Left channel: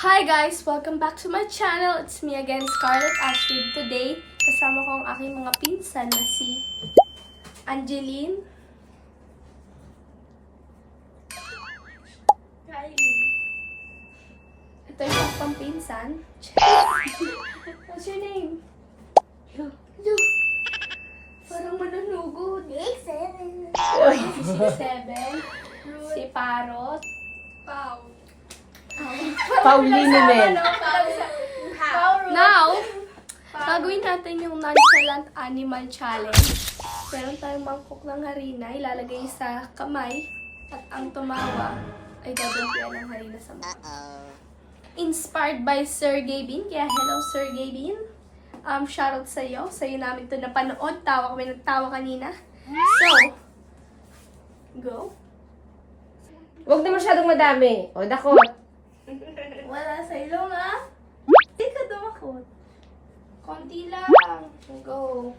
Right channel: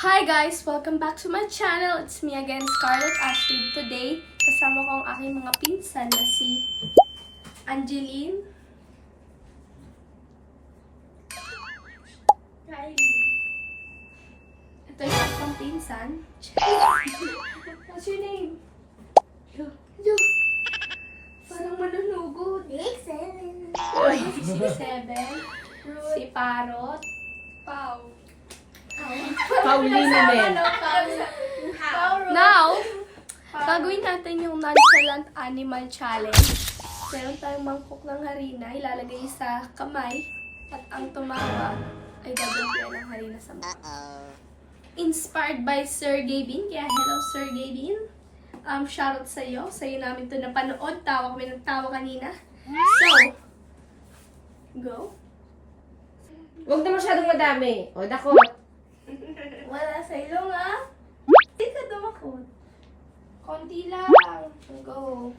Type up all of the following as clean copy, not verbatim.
Hi guys! Welcome back to my channel. It's me again, Scarlett Ashford. Today, kasama ko ang aking mga pinsan na si Angeline, Kylie. Ito yung pang pinsan. What's your name? Yo. Parang manunugod. 6'7". Si Parot. Pau. Paulina Mel. Now, gagawin natin yung nonchalant animal challenge. Meron tayong mangkok ng harina, ilalagay sa kamay, at ang tumawa ay gagantian ng harina sa mukha. Inspired by Sir Gavin, kaya hello Sir Gavin. Shoutout sa iyo. Sa'yo namin ito napanood. Tawa kami ng tawa kanina. So, go. Huwag na masyadong madami. O, dakot. Wala sa ilong ah. Hindi ka dumakot. Konti lang. Go.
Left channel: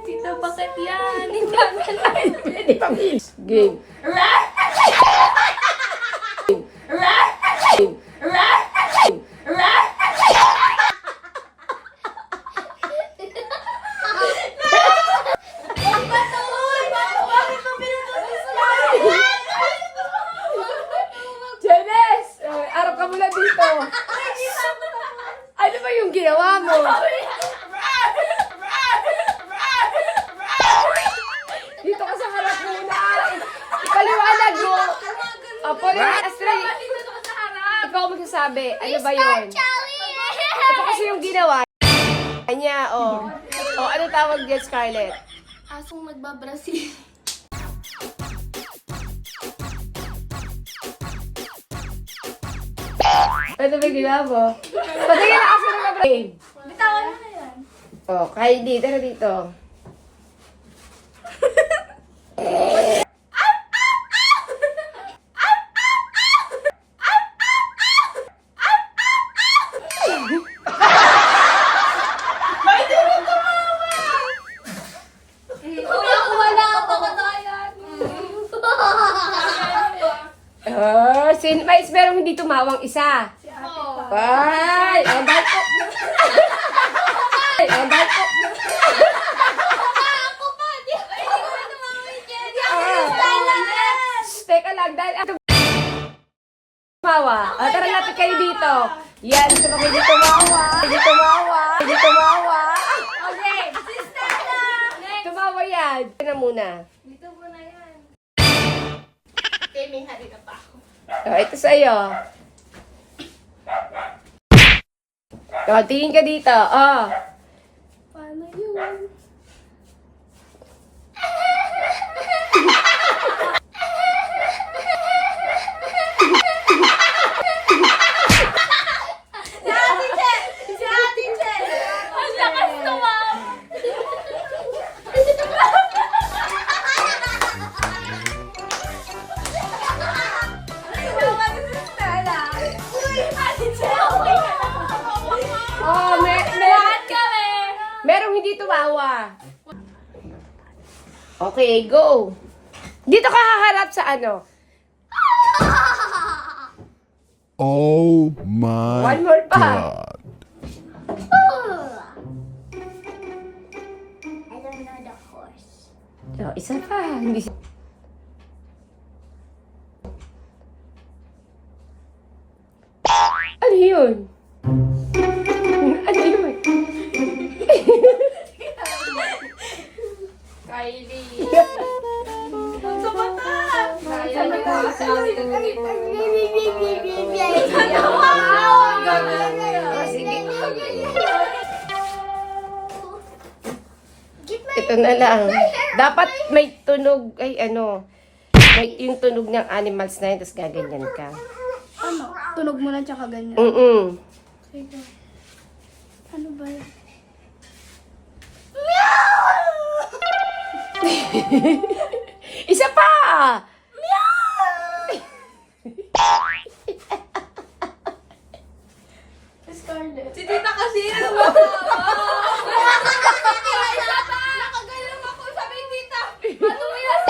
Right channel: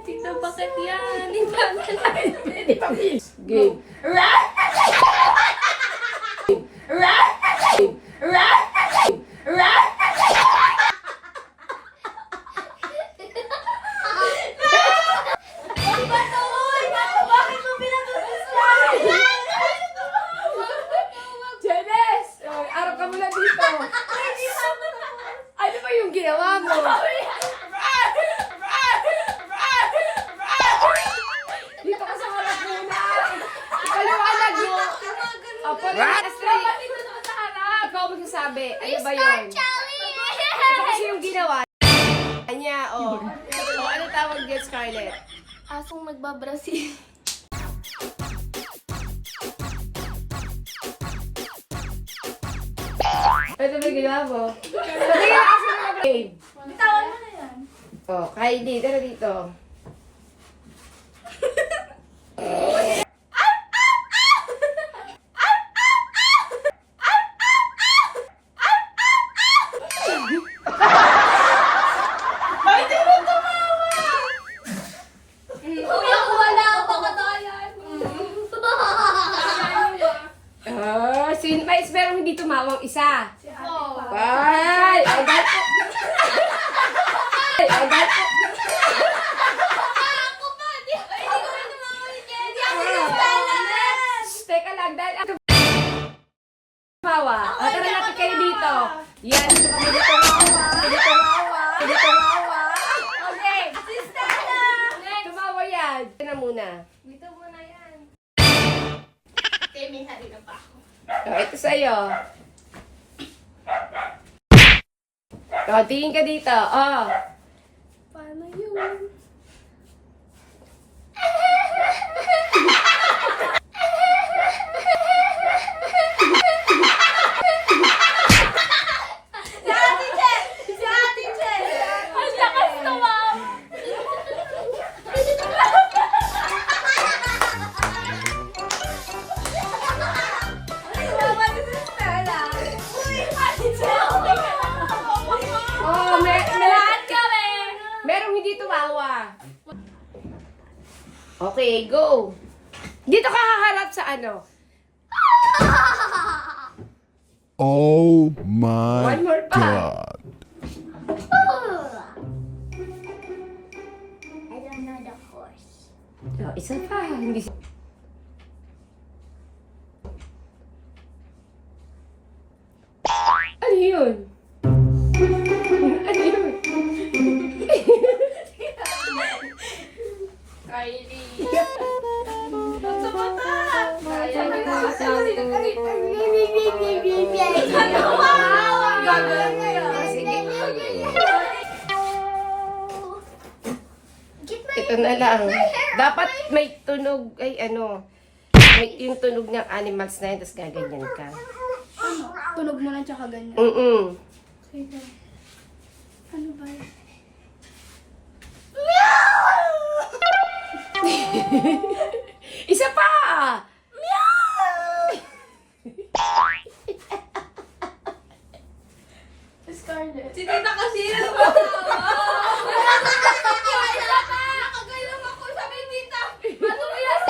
Tito, bakit yan? Hindi pa please. Game. Jenes! Arap ka muna dito. Ano ba yung ginawa mo? Dito ka sa harap mo na. Paliwanag mo. Apo, ikaw magsasabi. Ano ba yun? Ito kasi yung ginawa niya. O, ano tawag dyan, Scarlett? Asong nagbabrasil. Ano ba ginawa mo? Patingin na kasi ng game. Bitawan mo na yan. O, Kylie, tara dito. Kuya, wala ako katayan. Sinvites, pero hindi tumawang isa. Si Ate Pa. Ay! Ang bato! Ang bato! Ako pa! Hindi ko tumawin yan. Teka lang, dahil ako tumawa. Tara natin kayo dito. Yan, hindi tumawa. Hindi tumawa. Hindi tumawa. Okay. Tumawa yan. Ito na muna. Dito mo na yan. May harina pa ako. Ito sa'yo. Tingin ka dito. Paano yun? Si Ate Jen! Si Ate Jen! Ang lakas tumawa! Lahat kami! Merong hindi tumawa. Okay, go. Dito ka haharap sa ano? Oh my One more pa. god. I don't know the horse. Oh, isa pa. Hindi Ano yun? Ano yun? Kylie. Sabat ka! Sabat ka! Ito na lang. Dapat may tunog, ay ano, may yung tunog ng animals na yun, tapos gaganyan ka. Tunog mo na tsaka ganyan. Sige. Ano ba? Isa pa! Scarlett. Si Tita kasi yun. Nakagayang ako sa may tita. Ano ba yan?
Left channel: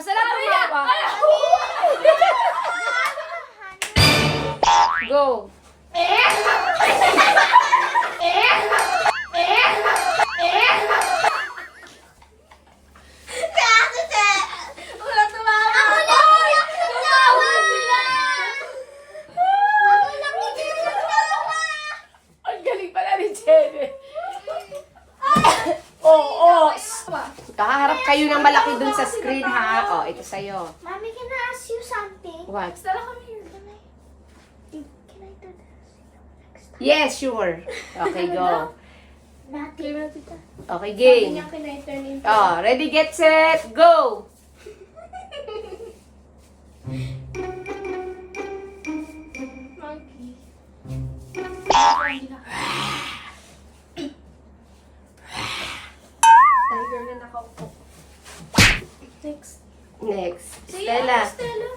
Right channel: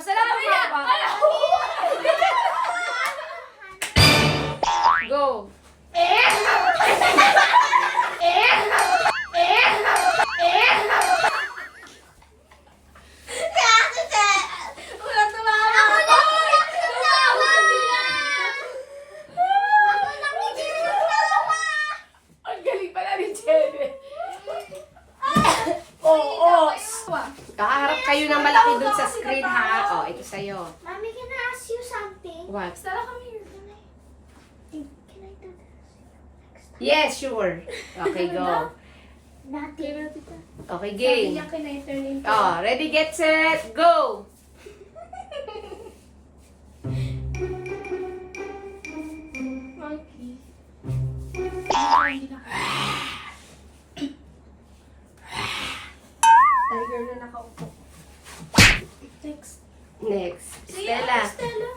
basta lang tumawa. Go. Wala tumawa. Ang galing pala ni Jenny. Oo. Kakaharap kayo ng malaki dun sa screen, ha? O, ito sa'yo. Mommy, can I ask you something? What? Sara kami here. Can I do this? Yes, sure. Okay, go. Nothing. Okay, Sabi game. niya kinay-turn into. Oh, ready, get, set, go! Monkey. Tiger na nakaupo. Next. Next. Sige, Stella. Stella.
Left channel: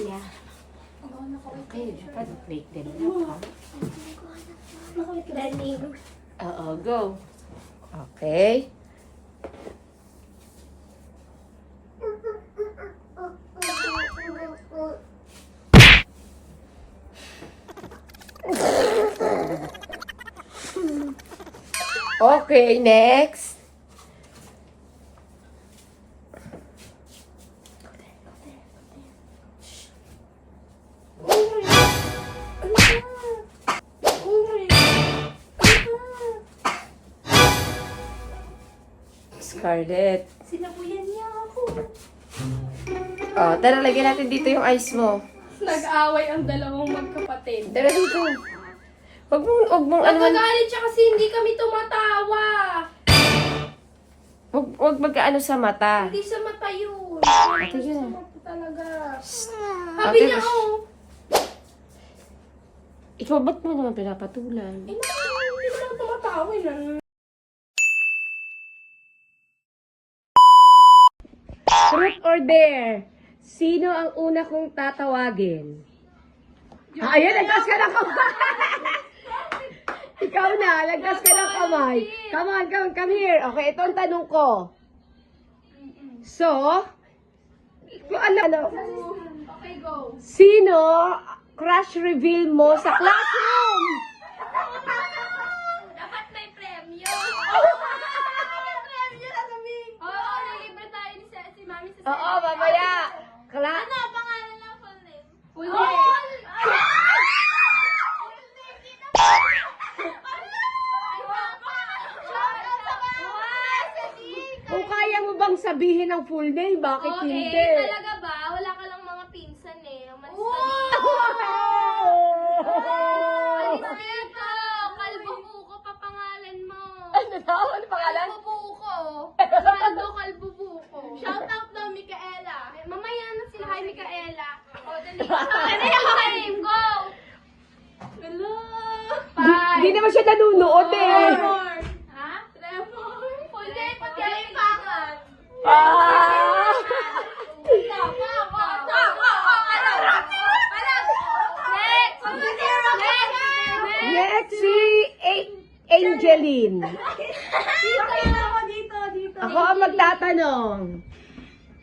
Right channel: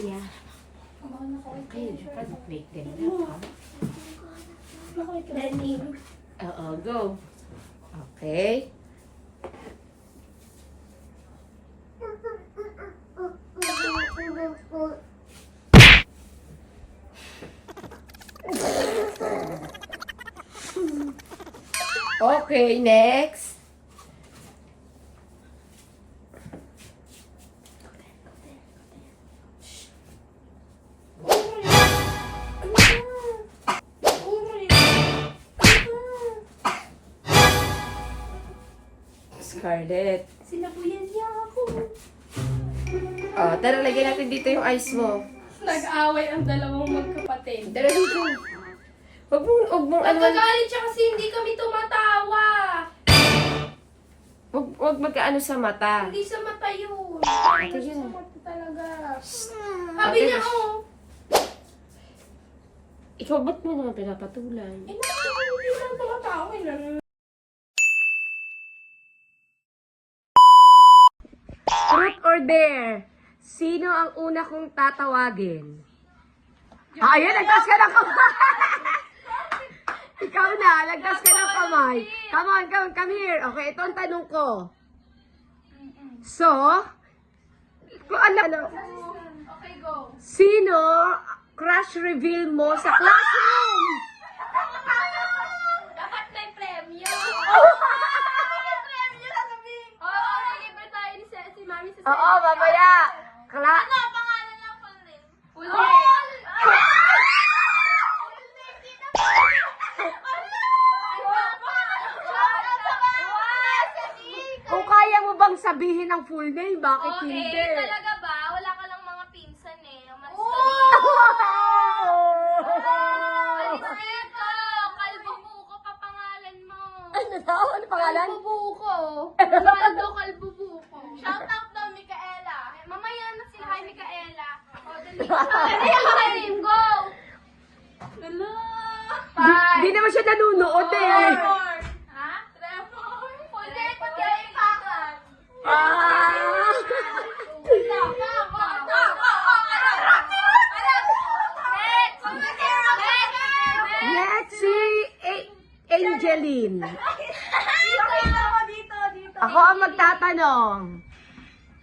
Yeah. Oh, nakawit Hey, you can make them. Nakawit ka. Running. Oo, go. Okay. Okay, next. Scarlett. Sinapuyan niya ako. Oh, tara, lagyan natin dito yung ice mo. Nag-away ang dalawang magkapatid. Tara dito. Huwag mong ano. Nagagalit siya kasi hindi kami tumatawa. Huwag magkaano sa mata. Hindi sa mata yun. Ito yun. Sa mata talaga. Sabi niya, oh. Ikaw, ba't mo naman pinapatulan? Eh, hindi lang tumatawa. Truth or dare? Sino ang una kong tatawagin? Ayan, lagkas ka ng kamay! Ikaw na, lagkas ka ng kamay. Come on, come here. Okay, ito ang tanong ko. So, kung ano, Okay, go. sino crush reveal mo sa classroom? Dapat may premyo. May premyo na kami. Oo, nilibre tayo ni si Mami sa Oo, mamaya. Ano ang pangalan ng full name? Full name. Kung kaya mo bang sabihin ang full name, bakit hindi? Talaga ba? Wala ka lang mga pinsan eh. Mas Alis dito! Kalbo buko pa pangalan mo. Ano pangalan? Kalbo buko. Kalbo kalbo buko. Shout out daw Micaela. Mamaya na sila kay Micaela. O, dali. Dali, go! Hello! Hindi naman siya nanunood eh. Trevor. Ha? Trevor. Full name, pati yung pangan. Next, si Angeline. Ako ang magtatanong.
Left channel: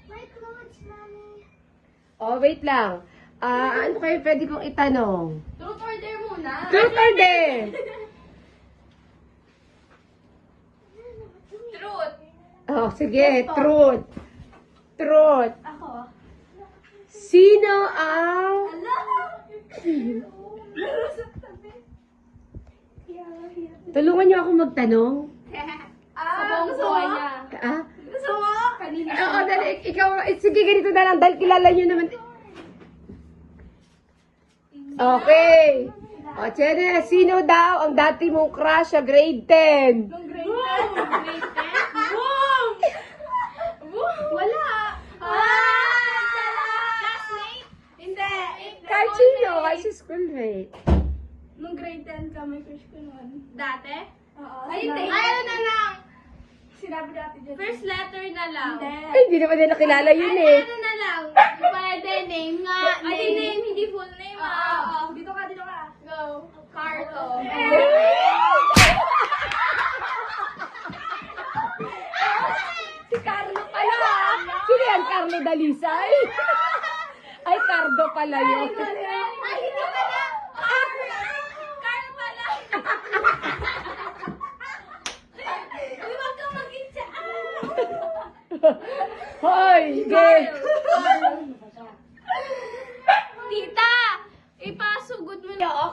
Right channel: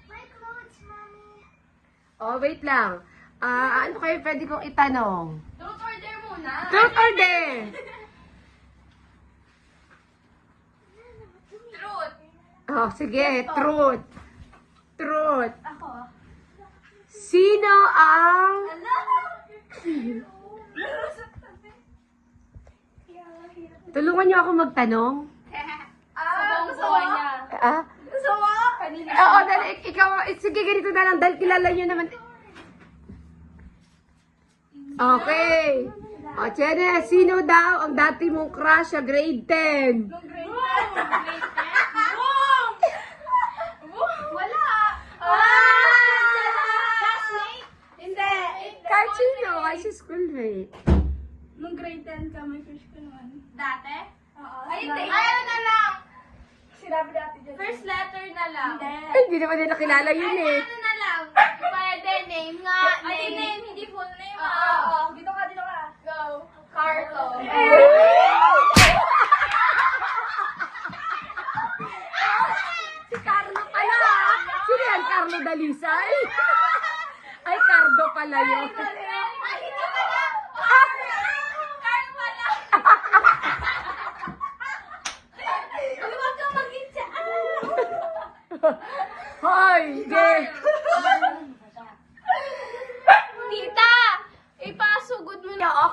My clothes, Mommy. Oh, wait lang. Ano kayo pwede kong itanong? Don't order muna. Truth or dare? Truth. Oh, sige, truth. Truth. Ako. Sino ang... Tulungan niyo ako magtanong? Sa buong buhay niya. Ah? Gusto mo? Kanina. Oo, dali. Ikaw, sige, ganito na lang. Dahil kilala niyo naman. Okay. O, Chene, sino daw ang dati mong crush sa grade 10? Nung grade 10? Grade 10? Boom! Wala! Classmate? Hindi. Kahit sino, kahit sa schoolmate. Nung grade 10 ka, may crush ko noon. Dati? Oo. Ayaw na lang! Sinabi natin dyan. First letter na lang. Ay, hindi naman nila kilala yun eh. Ano na lang? Pwede, name nga. Ay, name, hindi full name. Oo. Dito ka. Go. Carto.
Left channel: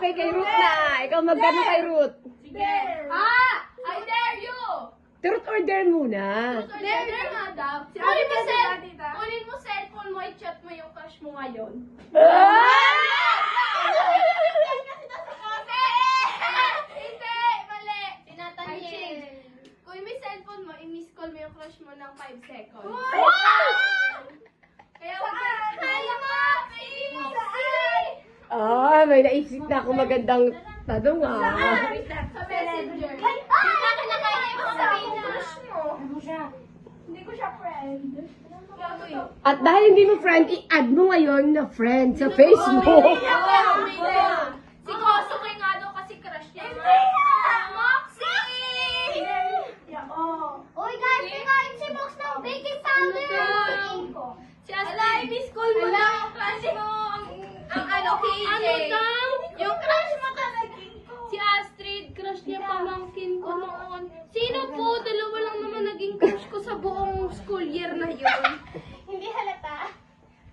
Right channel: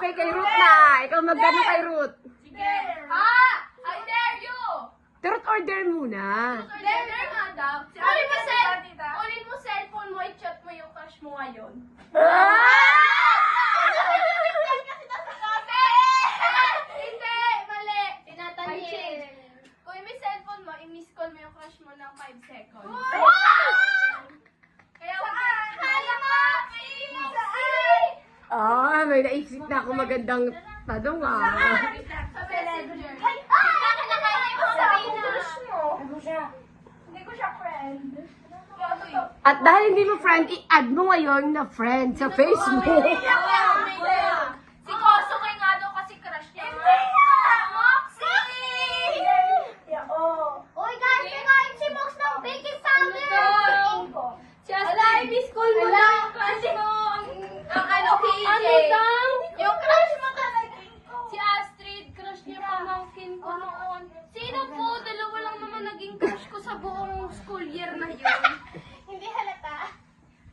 Okay, kay Ruth na. Ikaw magkano kay Ruth? I dare you! Truth or dare muna. Dare nga daw. Ulit mo cellphone mo, i-chat mo yung crush mo ngayon. Hindi! Mali! Tinatangin. Kung may cellphone mo, i-miss call mo yung crush mo ng 5 seconds. Kaya wag May naisip na ako magandang tanong sa messenger. Hindi ko siya friend. At dahil hindi mo friend, i-add mo ngayon na friend sa Facebook. Si Koso kay nga daw kasi crush niya. Uy, guys, kinain si Mox ng baking powder. Si Astrid, miss call mo na yung crush mo. Ang ano, KJ. Ano daw? Yung crush mo talaga. Si Astrid, crush niya pamangkin ko noon. Sino po? Dalawa lang naman naging crush ko sa buong school year na yun. Hindi halata.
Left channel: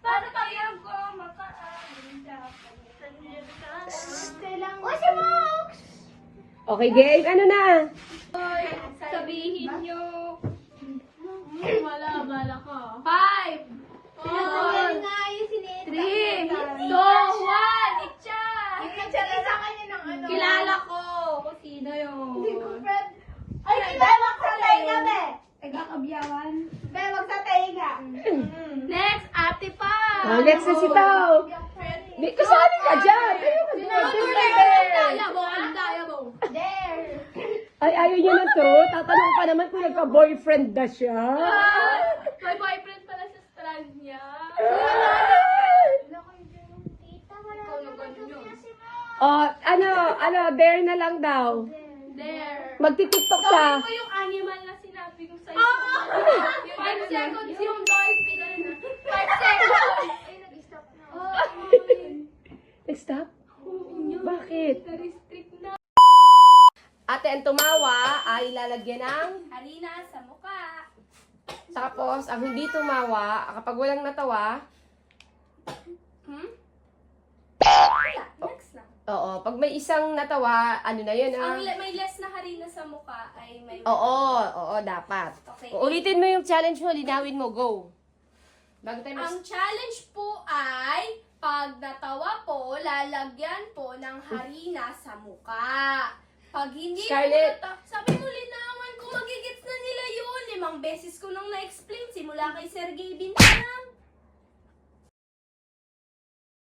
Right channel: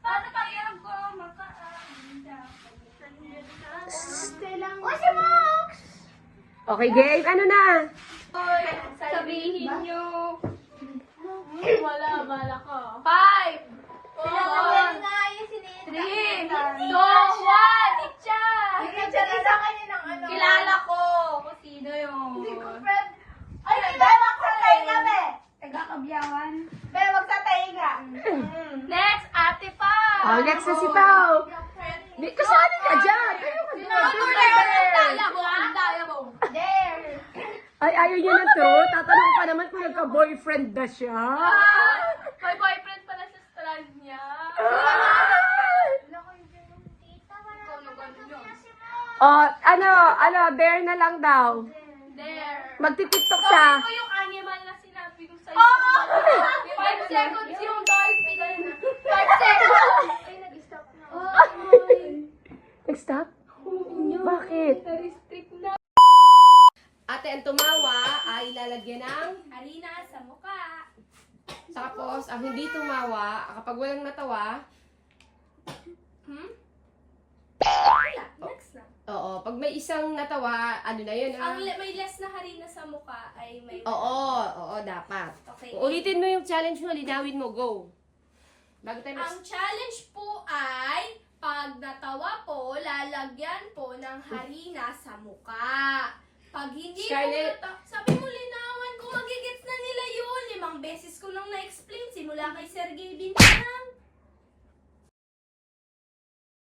Paano pa yan ko? Uy, si Mox! Okay, game. Ano na? Sabihin niyo. Wala, bala ka. 5, 4, 3, 2, 1, itcha! Kilala ko kung sino yun. Hindi ko friend. Ay, wag sa tainga, be! Nagkakabiyawan. Be, wag sa tainga. Next, ate pa. Next na si Tao. Kasali ka dyan. There! Ay, ayaw niya na to. Tatanong pa naman kung nagka-boyfriend na siya. May boyfriend pala sa strand niya. Dare na lang daw. There. Magti-tiktok siya. Ito yung animal na sinabi ko sa'yo. 5 seconds yung dolphin. 5 seconds. Ay, nag-stop na. Nag-stop? Bakit? Na-restrict na. Ate, ang tumawa ay ilalagyan ng... Harina sa mukha. Tapos, ang hindi tumawa, kapag walang natawa, Next na. oo, pag may isang natawa, ano na yun, May less na harina sa mukha ay may... Oo, dapat. Okay. Ulitin mo yung challenge mo, linawin mo, go. Bago tayo Ang challenge po ay, pag natawa po, lalagyan po ng harina sa mukha. Pag hindi Scarlett. po sabi mo linawan kung magigits na nila yun. 5 beses ko nang na-explain simula kay Sergey Bintan.